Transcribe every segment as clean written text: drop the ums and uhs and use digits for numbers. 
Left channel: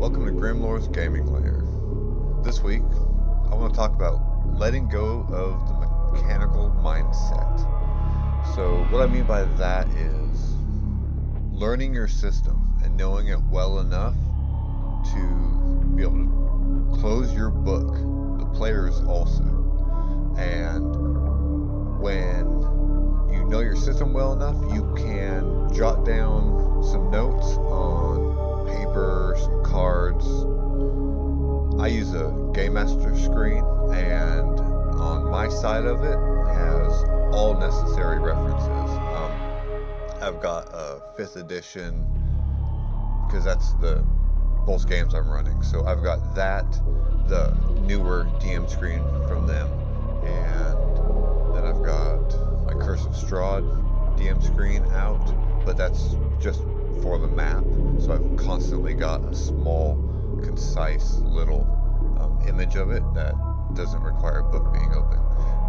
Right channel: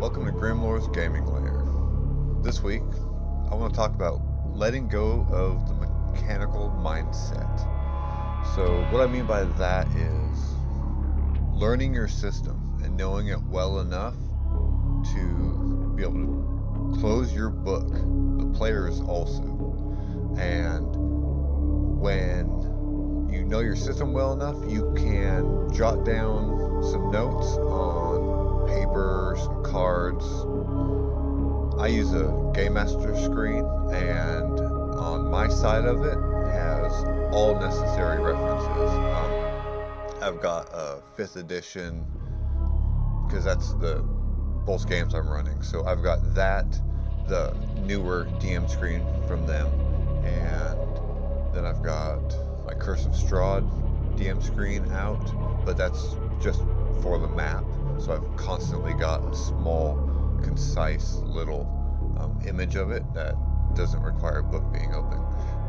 Welcome to Grimlore's Gaming Lair. This week, I want to talk about letting go of the mechanical mindset. So, what I mean by that is learning your system and knowing it well enough to be able to close your book, the players also. And when you know your system well enough, you can jot down some notes on paper, some cards. I use a Game Master screen, and on my side of it has all necessary references. I've got a 5th edition, because that's the both games I'm running. So I've got that, the newer DM screen from them, and then I've got my Curse of Strahd DM screen out, but that's just for the map. So I've constantly got a small, concise little image of it that doesn't require a book being open.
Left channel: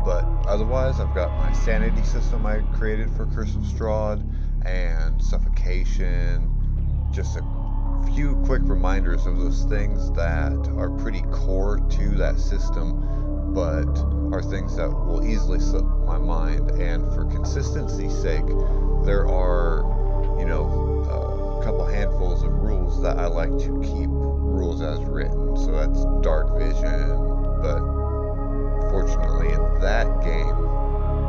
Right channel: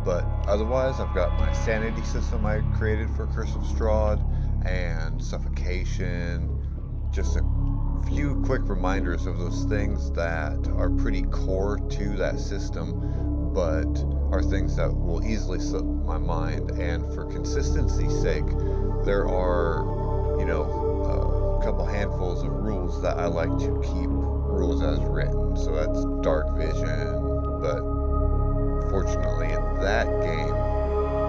But otherwise, I've got my sanity system I created for Curse of Strahd and suffocation, just a few quick reminders of those things that are pretty core to that system, but are things that will easily slip my mind. And for consistency's sake, there are, a couple handfuls of rules that I like to keep rules as written. So that's dark vision, but fortunately in that game,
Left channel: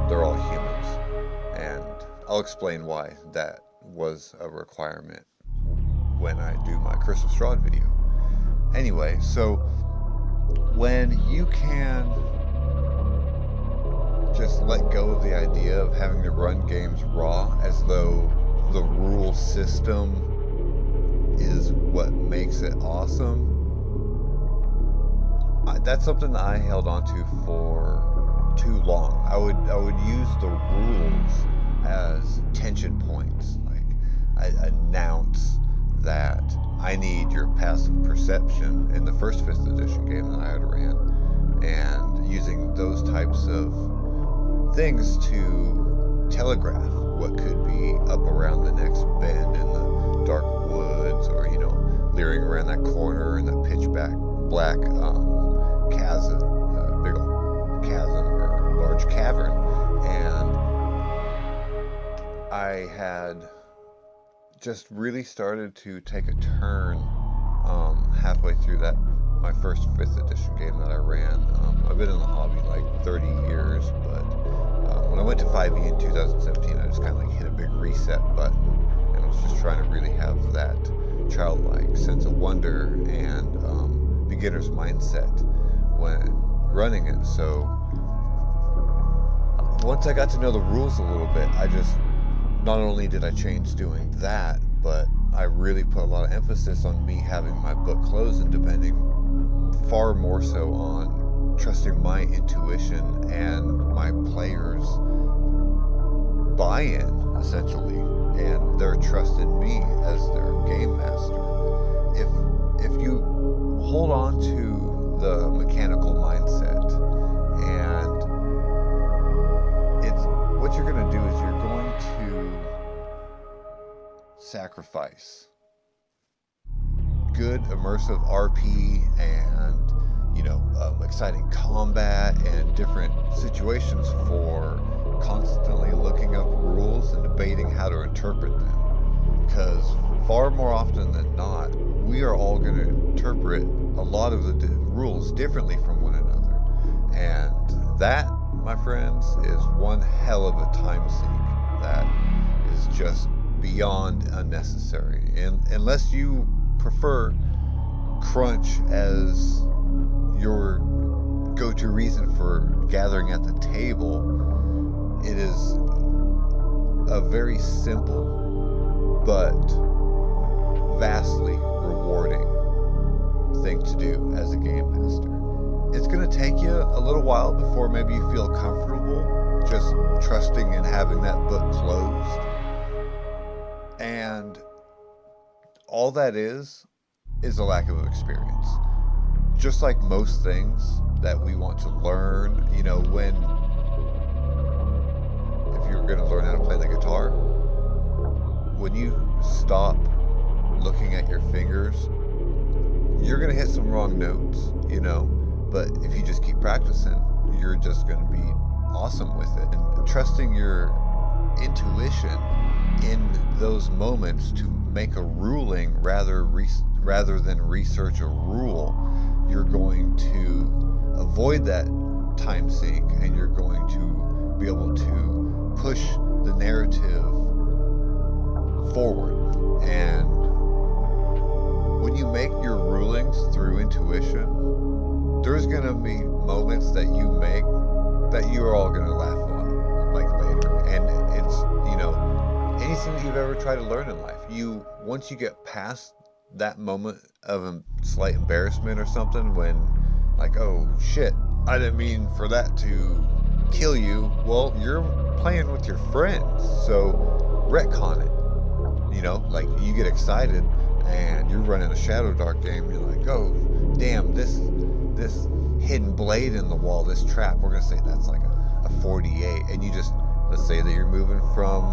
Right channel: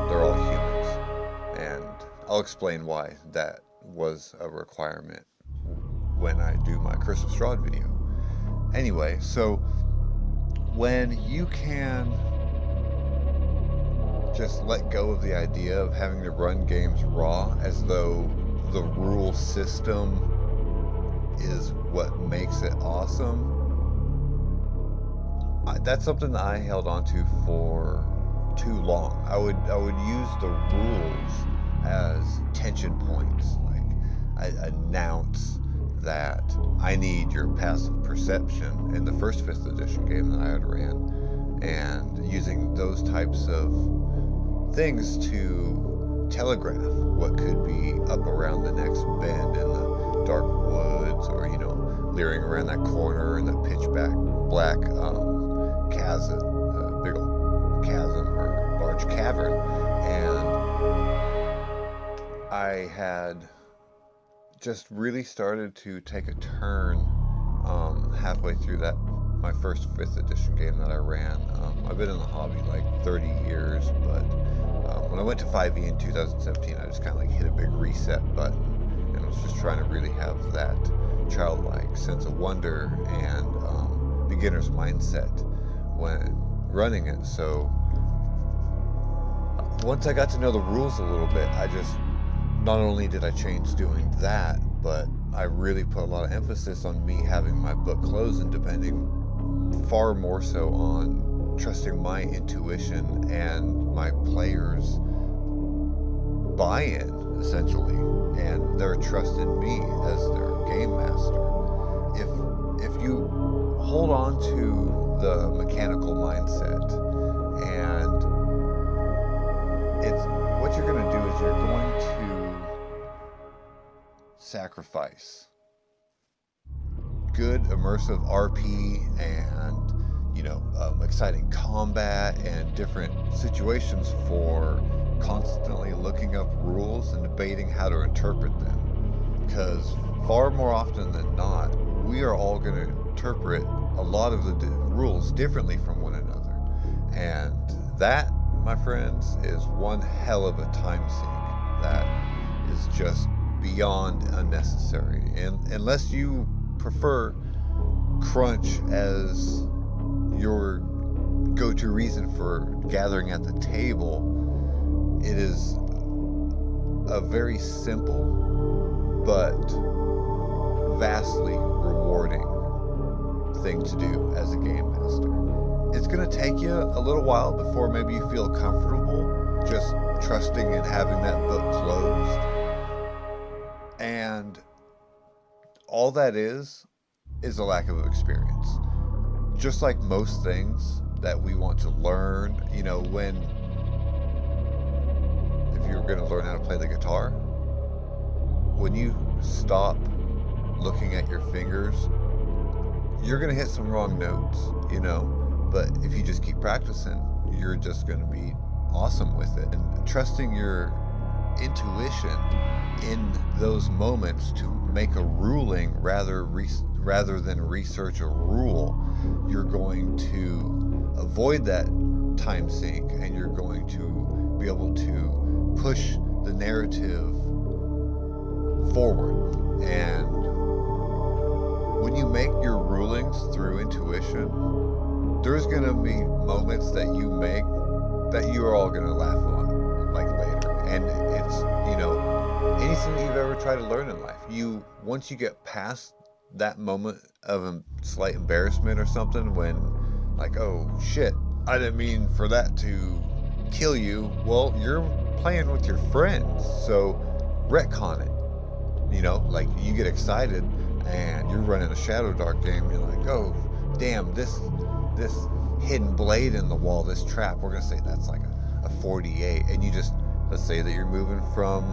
they're all humans. And I'll explain why that was a requirement when I do my Curse of Strahd video. Anyway, so when you can just let go of the idea of having to run games raw as though the rule system is what makes it awesome, that's something that I held on to for too long. I would use the rules as tension points. Like, I announce that I need your passive perception in the first 5th edition game that I had ran, and using those types of things to telegraph what could be up around the next bend in the dark woods, or leering around that corner in that pitch black chasm, big old chasm or large cavern. And I had just really started to take a turn halfway through that my first 5th edition game that I ran. I've been in the hobby like 30 years, but when I went to 5e in 2017, I just kind of hit a big reset button, and I was just trying to really have that childlike sense of wonder and beginner's mindset when running it. So once I got to know the rules a little bit, not only did I change doing that, but I really put a lot of emphasis on me having my book closed and depending far more so on trusting my intuition and my players' buy-in, essentially, and their trust in me as their game master. If you hold on to the mechanical mindset, and what you're going to do is you're going to sacrifice good immersive RP and exciting combat and different situations for constantly looking up rules and debating how to interpret them. Because far more often than not, we are all going to interpret a lot of the rules differently from one another. And that, my friends, is one hell of a time sink that is just beyond unnecessary. And unless you prefer crunch as your go-to reason for gathering at the table, it is a very simple but vastly rewarding thing to do as a game master. It's going to take you a little while before maybe you feel comfortable just trusting and having that book closed. And all that is a lack of experience. Just like most things that we want to learn, if you're going to learn how to play the guitar, when you stop looking at your fingers you're going to hit some wrong notes, but if you just keep practicing, you're just going to be awesome with it. And trusting your intuition in those moments to make a ruling rather than research a rule, you're going to avoid that time sink, and you're going to be able to push the narrative forward. And when you make your rulings through intuition, there's going to be moments that you make that you're all going to laugh on, like, later. And it's, anything that you've ever tried to learn in life, once you get past that moment of slight embarrassment or something, when, like, oh shit, I didn't mean for that to kill you. Well, you're playing with your friends, so retcon it. Like, you get excited and you're running a Shadow Dark game, you're like, oh damn, this hidden blade in the wall, this trap, we're gonna say that's like a 48, and let's say that you're moving from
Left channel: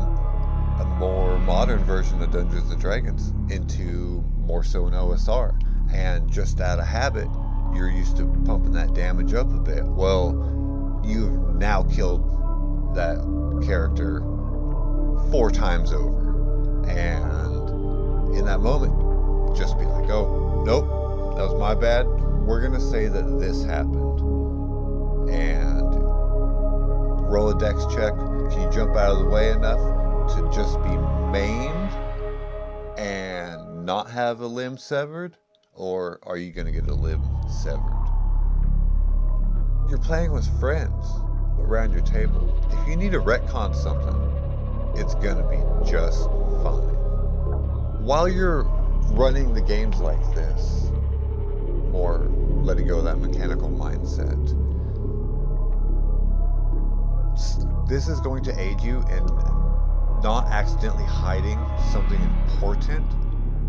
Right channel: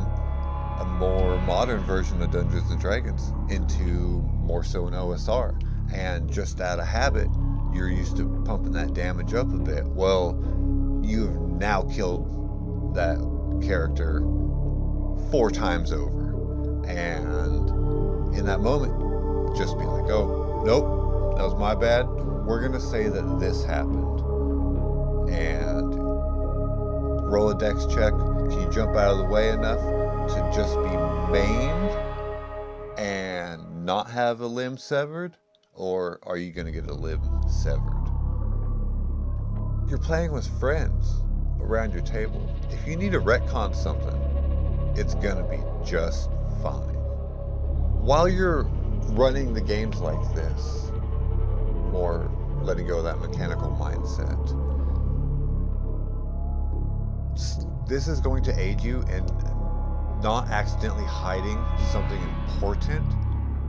a more modern version of Dungeons and Dragons into more so an OSR, and just out of habit you're used to pumping that damage up a bit. Well, you've now killed that character 4 times over, and in that moment, just be like, oh nope, that was my bad, we're gonna say that this happened, and roll a dex check. Can you jump out of the way enough to just be maimed and not have a limb severed, or are you gonna get a limb severed? You're playing with friends around your table. If you need to retcon something, it's gonna be just fine. While you're running the games like this, more letting go of that mechanical mindset, this is going to aid you in not accidentally hiding something important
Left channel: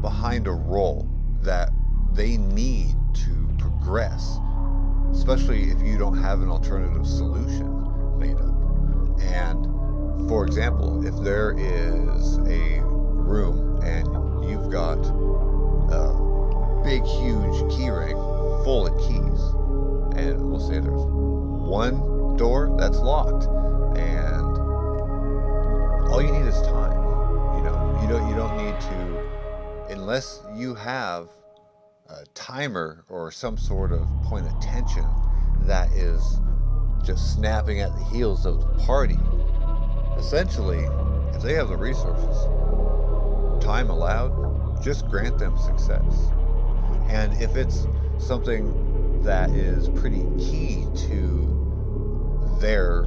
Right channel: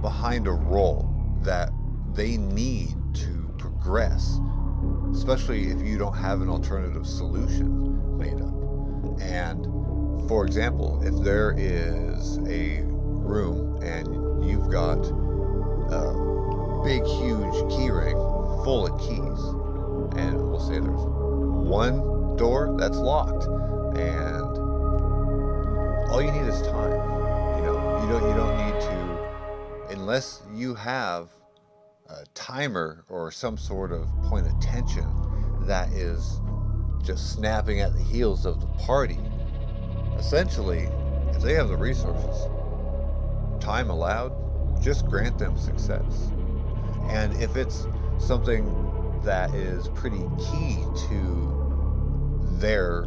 behind a role that they need to progress, especially if you don't have an alternative solution made up. And for example, if there is a room and you've got a big huge key ring full of keys, and we'll say there's one door that's locked, and all you need is time. You don't need to, unless you have a timer or some sort of point of tension that is just snapping at the heels of the party. Essentially, if they have the resources, time allowed, just grant them success. And if it's something that is pretty key to their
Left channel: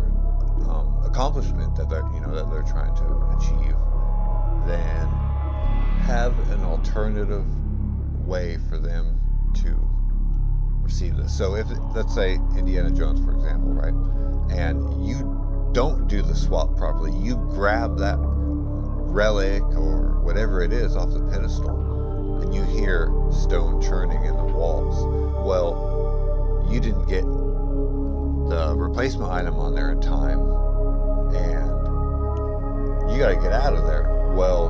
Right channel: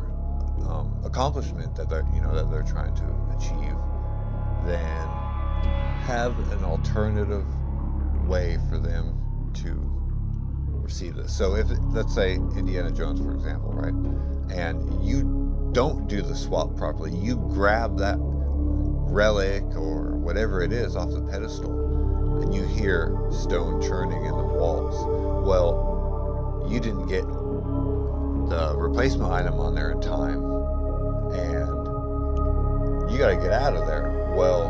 accomplishment that they're trying to achieve, then have an alternative way for them to receive this. So if, let's say, Indiana Jones, for example, right, and you don't do the swap properly, you grab that relic or whatever it is off the pedestal, and you hear stone churning in the walls. Well, you didn't get the replacement item on there in time, and you got to get out of there. Well,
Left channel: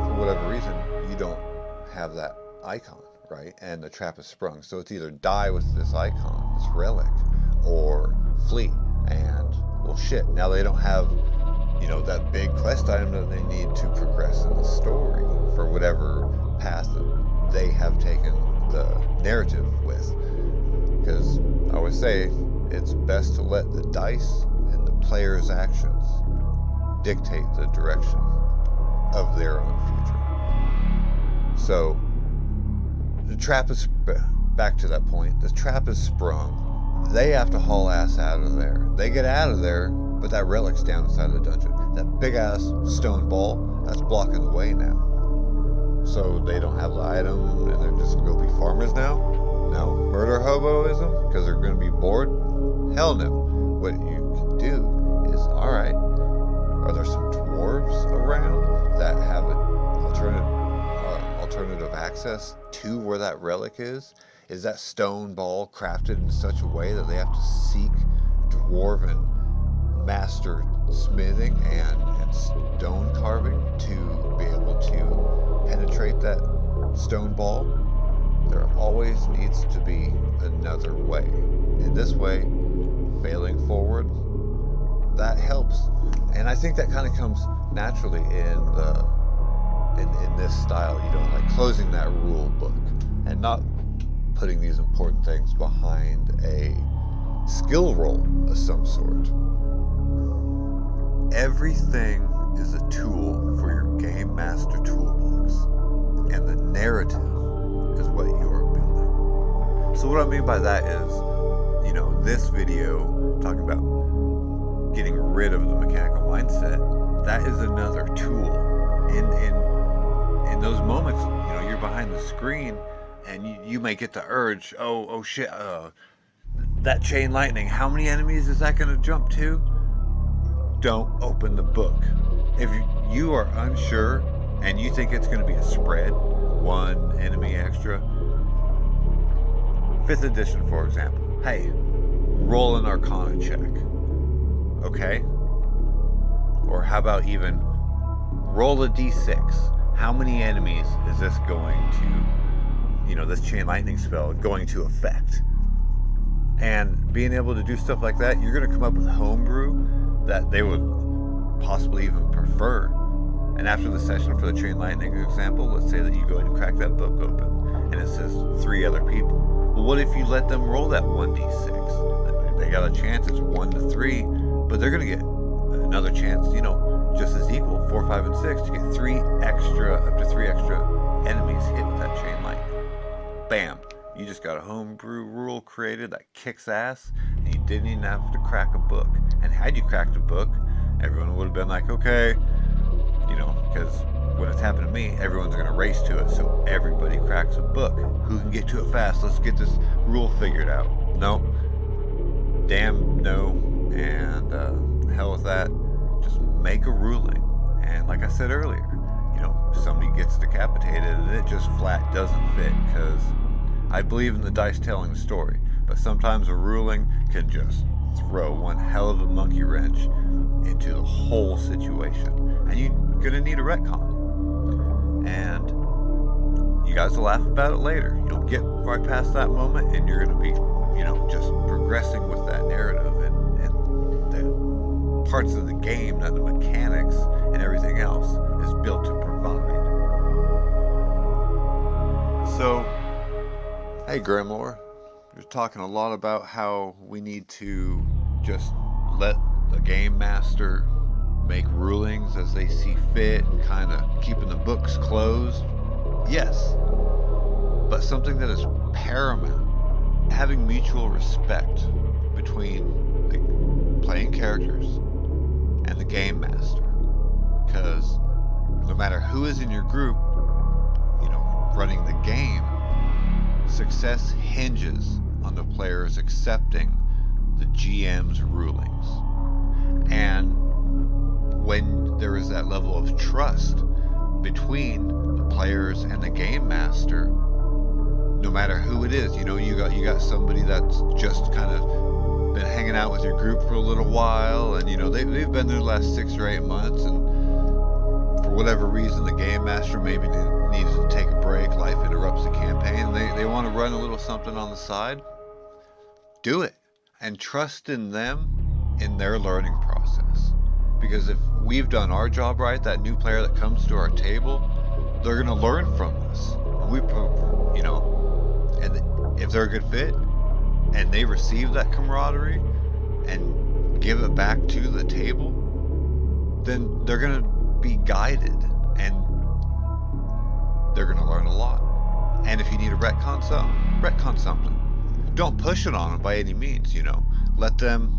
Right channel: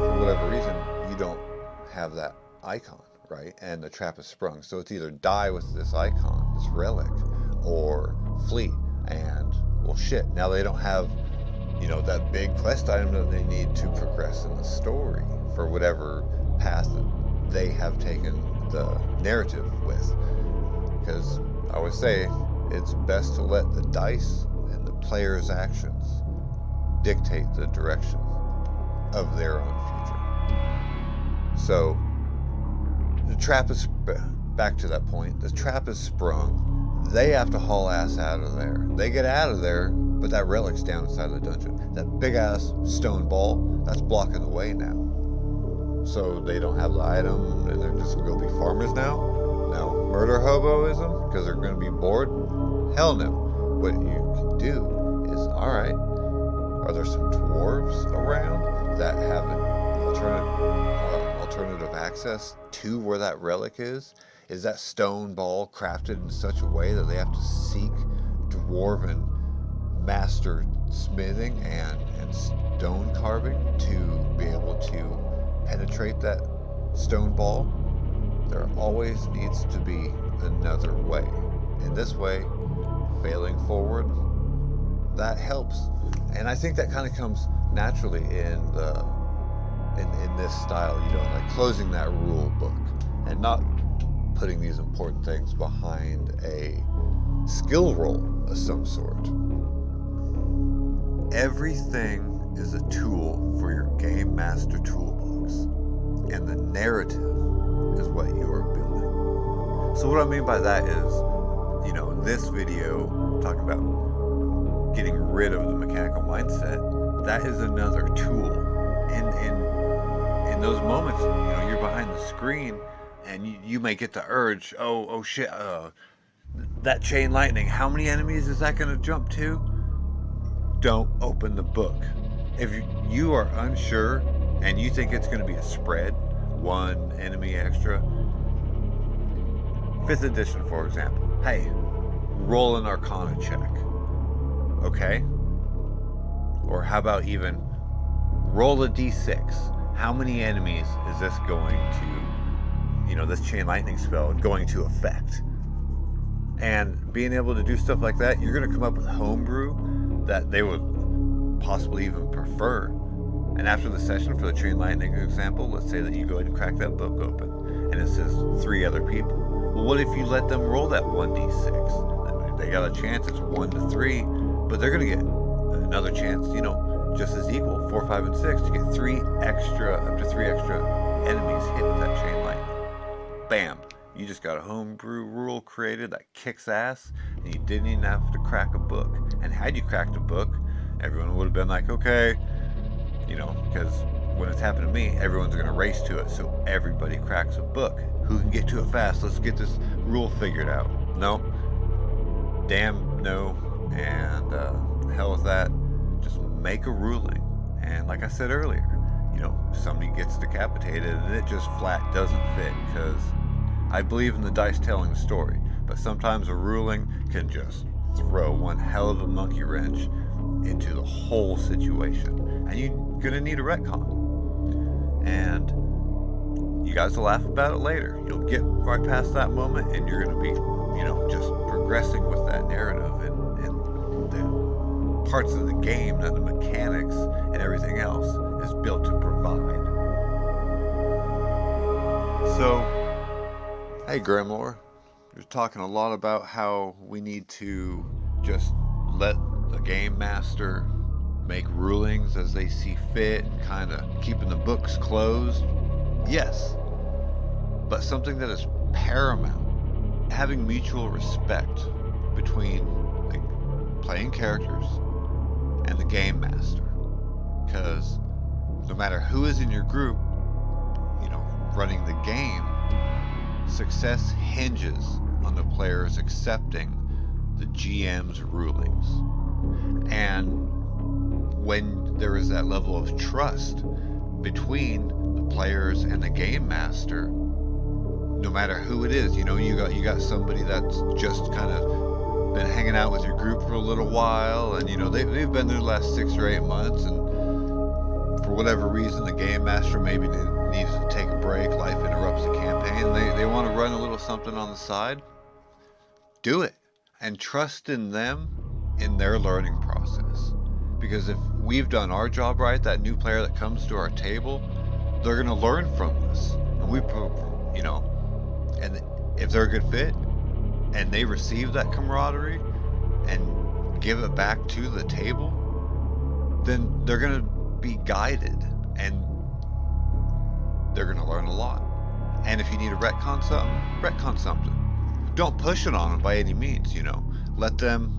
for whatever reason, you don't have that icon, right? And the trap is sprung. So it's either die with this icon, this relic, or flee. And, well, shit, now they don't have, that big quest item that they need to progress in the story for whatever path that they have taken the narrative with. Because I always say, it's best to let the dice and the player's actions dictate the direction of their own future. So the trap is, back to that point, the trap is sprung. They have to haul ass out of there. They get out of there, but that relic's down inside the dungeon. That big ass stone ball, that's blocking the way now. So they don't have the item, and they're just gonna go be farmers now? No. Murder hoboism? Because they're gonna be bored? Hell no. What you can do is, alright, are there some dwarves around that have an alternative access to where that relic is? Is that stone ball crafted in such a way that they have to seek dwarven master smithing and stone carving to be able to penetrate that stone ball? There always needs to be another way. And this way, failing forward, that helps. And I think that kind of comes naturally in this style, like closing that rule book and not putting these important things behind a skill roll of some sort. Everything is a tool for your game master toolbox, and the narrative is what you are building. So what I mean by that is, this video talking about getting rid of the mechanical mindset, that is another tool. In those moments, you're behind the screen and you may get the urge, oh shit, that chain lightning, how many enemies is that going to jump to? Don't open the book. If you are unsure and you think it's going to be a spread, one enemy extra, 5th edition, for example, hey, roll an Arcana check, okay? Or how about even roll a d6. How many enemies is this going to, this chain lightning spell going to affect? And being able to do stuff like that, you're going to come up with homebrew that they would possibly even prefer. And after the session, for the chain lightning example, let's say that you go ahead and crack that book open and it says 3 other people. Well, what if you let them roll that 1d6? They got a chance, it's 1 to 3, but they're going to get another chance, just as equal, 4, 5, and 6, to get up to 3 extra enemies hit with that chain lightning. Bam! You just got a homebrew rule created that kicks ass, and you didn't even have to crack a book. And had you cracked a book, everyone would have been like, okay, because when it's happened to me, everyone's going to race to it, so everybody cracks a book. Who can get to it fast? Let's get this rule figured out. No. Damn no. And hell with that. Just make a ruling. And like I said earlier, somebody gets decapitated and it just flat doesn't fit, because I believe in the dice telling the story, but sometimes a ruling can just throw one hell of a monkey wrench into the whole situation, and you're gonna need a retcon. And you guys will laugh about it later. You'll get right past that moment, and you're gonna be, just progressing with that narrative and the parts of the game that the mechanics and everything else is built to provide. So, hey Grimlore, you're talking a lot about how we need to just let the game master make rulings as they see fit and kind of keeping the books closed. Yes, but something that is paramount, having mutual respect between the playing characters and the game master. Because no matter who is in your group, running the game, success hinges on the players accepting the GM's rulings. And when there is that level of trust between the players and the game master, no matter who it is, you got somebody that's just kind of been hanging out with your group for a little while, and they've been there the last 6 or 8 months, and for whatever reason the game master maybe needs to take a break, life interrupts the campaign, and they want to run a little something on the side. Do it, and trust in them in their learning process. Because if we've done our job right, that new player that comes to our table, they're going to learn from us. And and if they're a good fit and they receive that camaraderie and give it back to the table, then they're going to be guided and they're going to learn a lot. And if you need to retcon something. Don't push it on them by any means, Let them,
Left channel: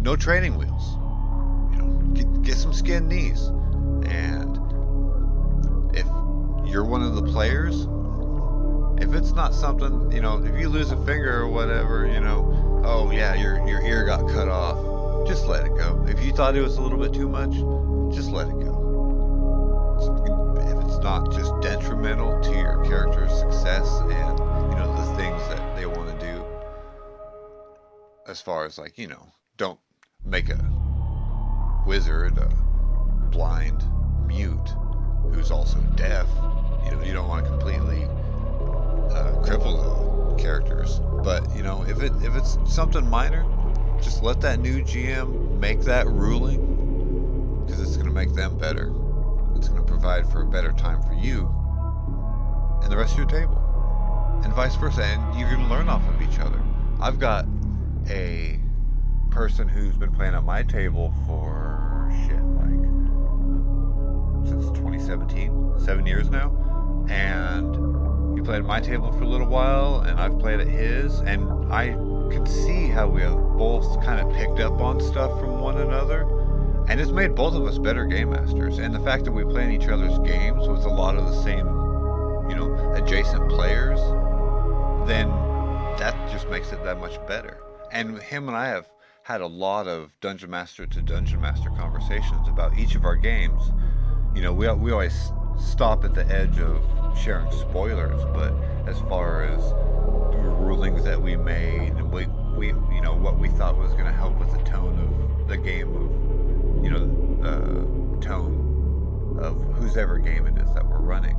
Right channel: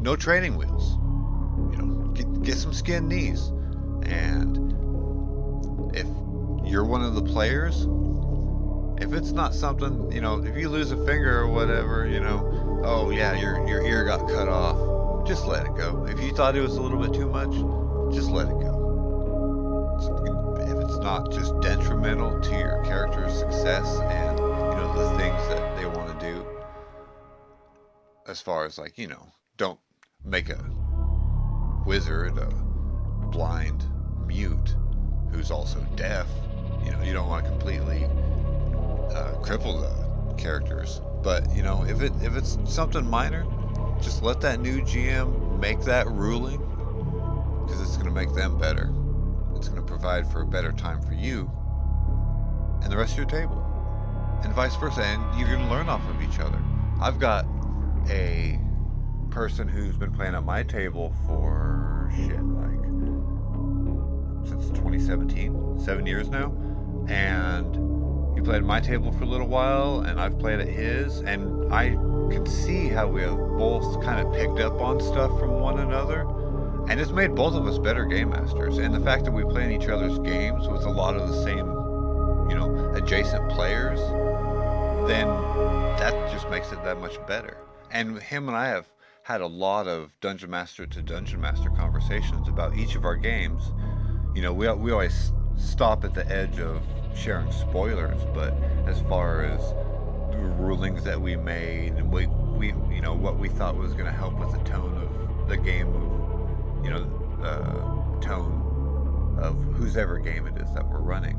no training wheels. Get some skinned knees. And if you're one of the players, if it's not something, if you lose a finger or whatever, oh yeah, your ear got cut off, just let it go. If you thought it was a little bit too much, just let it go. If it's not just detrimental to your character's success and, the things that they want to do, as far as don't make a wizard a blind mute who's also deaf. You don't want to completely triple the characters. But if it's something minor, just let that new GM make that ruling, because it's going to make them better. It's going to provide for a better time for you and the rest of your table, and vice versa. And you're going to learn off of each other. I've got a person who's been playing at my table for like since 2017, 7 years now, and he played at my table for a little while, and I've played at his, and I can see how we have both kind of picked up on stuff from one another, and it's made both of us better game masters. And the fact that we play in each other's games with a lot of the same, adjacent players, then that just makes it that much better. And him and I have had a lot of dungeon master to dungeon master conversations about each of our games. We always stop at the edge of sharing spoilers, but as far as the rulings that we made, and we what we thought was going to help with the tone of the game, of tone of whosever game it is that we're running.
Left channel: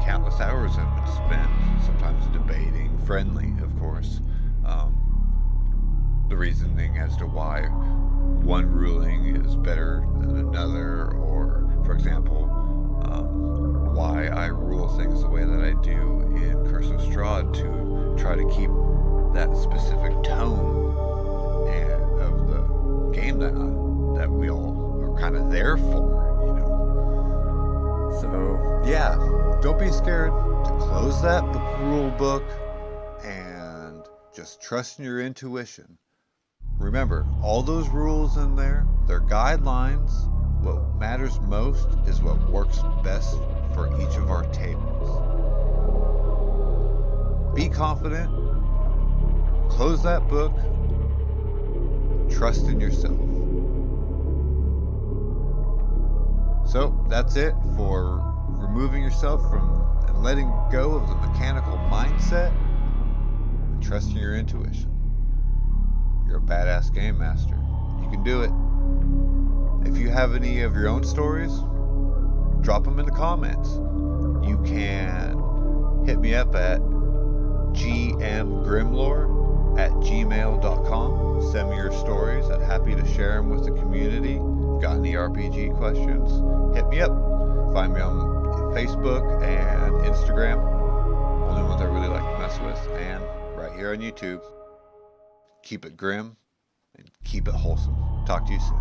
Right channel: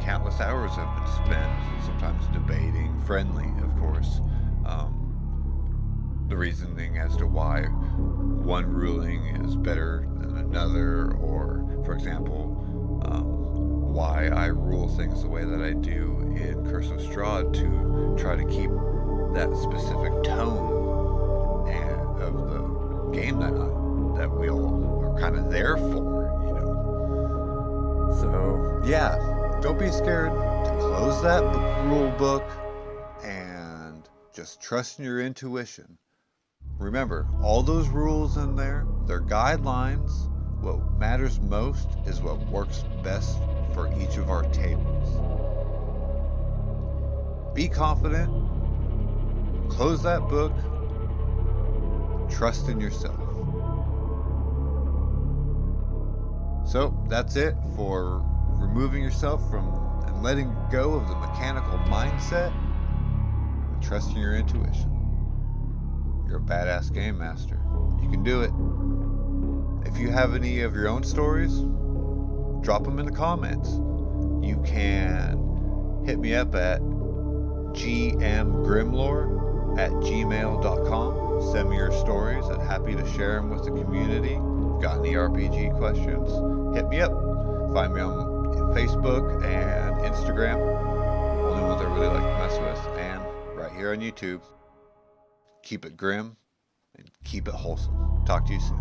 Countless hours have been spent, sometimes debating, friendly, of course, the reasoning as to why one ruling is better than another, or, for example, why I rule things the way that I do in Curse of Strahd to try to keep that specific tone of the game that we all are kind of there for, So, yeah, don't be scared to close that rule book and just trust in your intuition. Remember, all those rules in there, they're guidelines. What matters most is what works best for each of our tables. Be confident, close that book, trust in yourself. So that's it for removing yourself from and letting go of the mechanical mindset and trusting your intuition. You're a badass game master. You can do it. If you have any of your own stories, drop them in the comments. You can hit me up at gmgrimlore@gmail.com. Send me your stories. I'm happy to share them with the community. Got any RPG questions? Hit me up. Find me on Facebook and Instagram. Only ones I really like to mess with. And right here on YouTube. Keep it grim and keep it wholesome. Talk to you soon.